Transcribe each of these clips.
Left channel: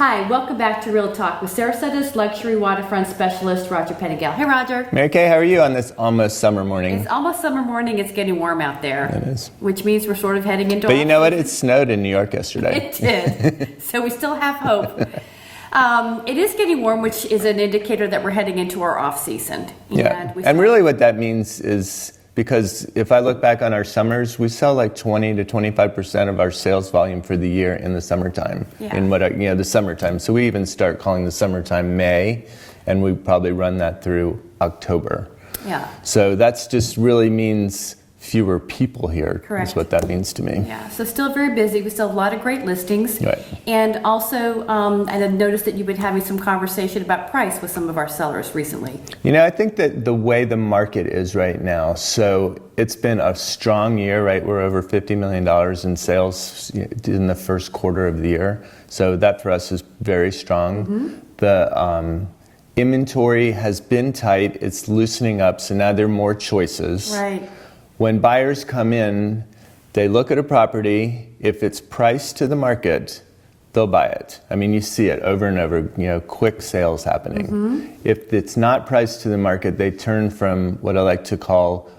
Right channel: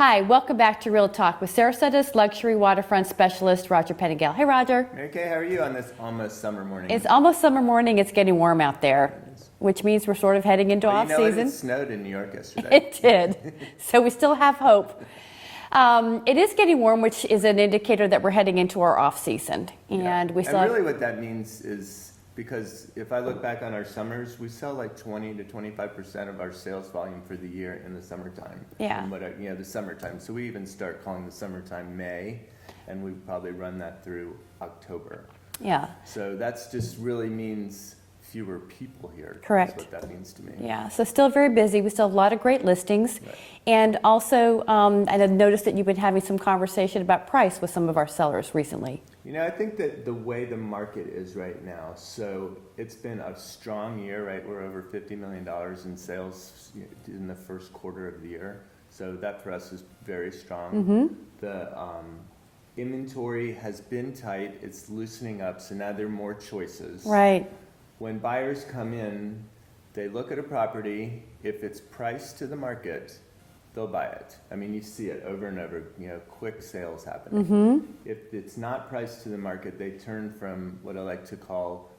Hi, welcome back to Real Talk with Sarasota's luxury waterfront specialist, Roger Pettingell. Hey, Roger. Mary Kay, how are you on this almost summer morning? It's almost summer morning. It's getting warm out there. It is. Which means we're sort of heading into But off you know what? season. It snowed in New York yesterday. It did. So we still have hope. It is getting warm, which is an indicator that we're heading into our off season. And really what that means is, because if I look back on our summers, we sell like 20 to 25% of our sales volume for the year in the summertime. Yeah. In the summertime. So we even start calling the summertime May, and we probably run that through October. Yeah. So that's just really means fewer people here. Correct. Is what that means to me. Yeah, so still very busy. We still have a lot of great listings. Right. And also, and I've noticed that you've been having some conversation about price with some of our sellers recently. You know, I think that the way the market is right now, so it's been a strong year, right? We're over $50 million in sales in the first quarter of the year. So that for us is very strong. Mm-hmm. The inventory has been tight. It's loosening up, so now there are more choices. Right. When buyers come in, they look at a property. If it's priced to the market, they'll buy it. I mean, you see it over and over, quick sales happening. Mm-hmm. If it's not priced to the market, they turn from what I call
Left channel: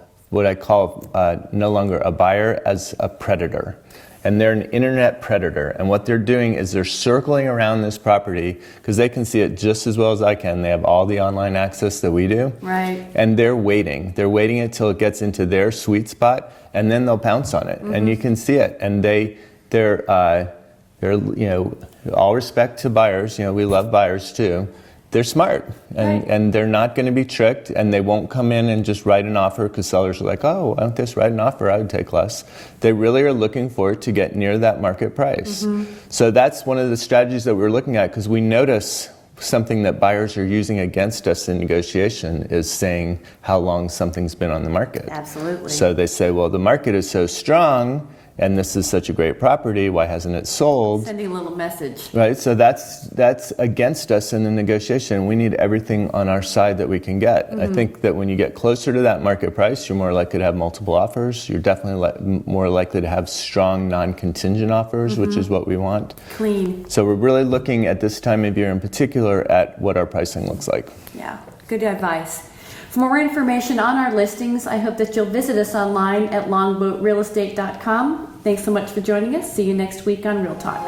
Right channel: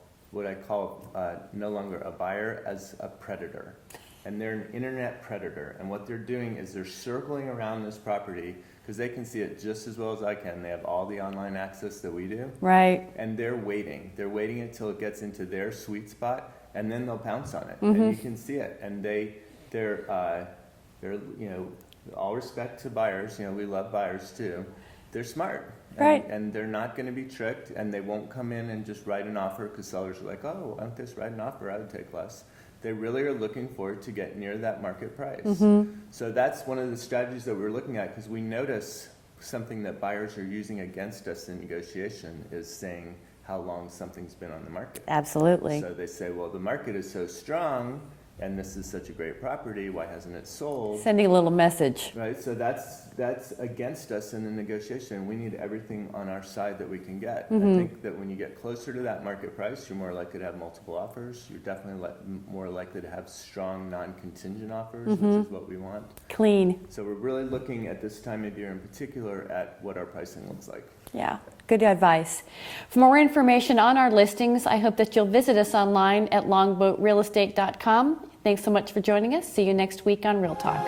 no longer a buyer as a predator. And they're an internet predator. And what they're doing is they're circling around this property because they can see it just as well as I can. They have all the online access that we do. Right. And they're waiting. They're waiting until it gets into their sweet spot, and then they'll pounce on it. Mm-hmm. And you can see it. And they're all respect to buyers. We love buyers too. They're smart, and they're not going to be tricked, and they won't come in and just write an offer because sellers are like, oh, why don't they just write an offer? I would take less. They really are looking for it to get near that market price. Mm-hmm. So that's one of the strategies that we're looking at, because we notice something that buyers are using against us in negotiation is saying how long something's been on the market. Absolutely. So they say, well, the market is so strong, and this is such a great property, why hasn't it sold? Sending a little message. Right, so that's against us in the negotiation. We need everything on our side that we can get. Mm-hmm. I think that when you get closer to that market price, you're more likely to have multiple offers. You're definitely more likely to have strong non-contingent offers, mm-hmm. which is what we want. Clean. So we're really looking at this time of year in particular at what our pricing looks like. Yeah, good advice. For more information on our listings, I hope that you'll visit us online at longboatrealestate.com. Thanks so much for joining us. See you next week on Real Talk.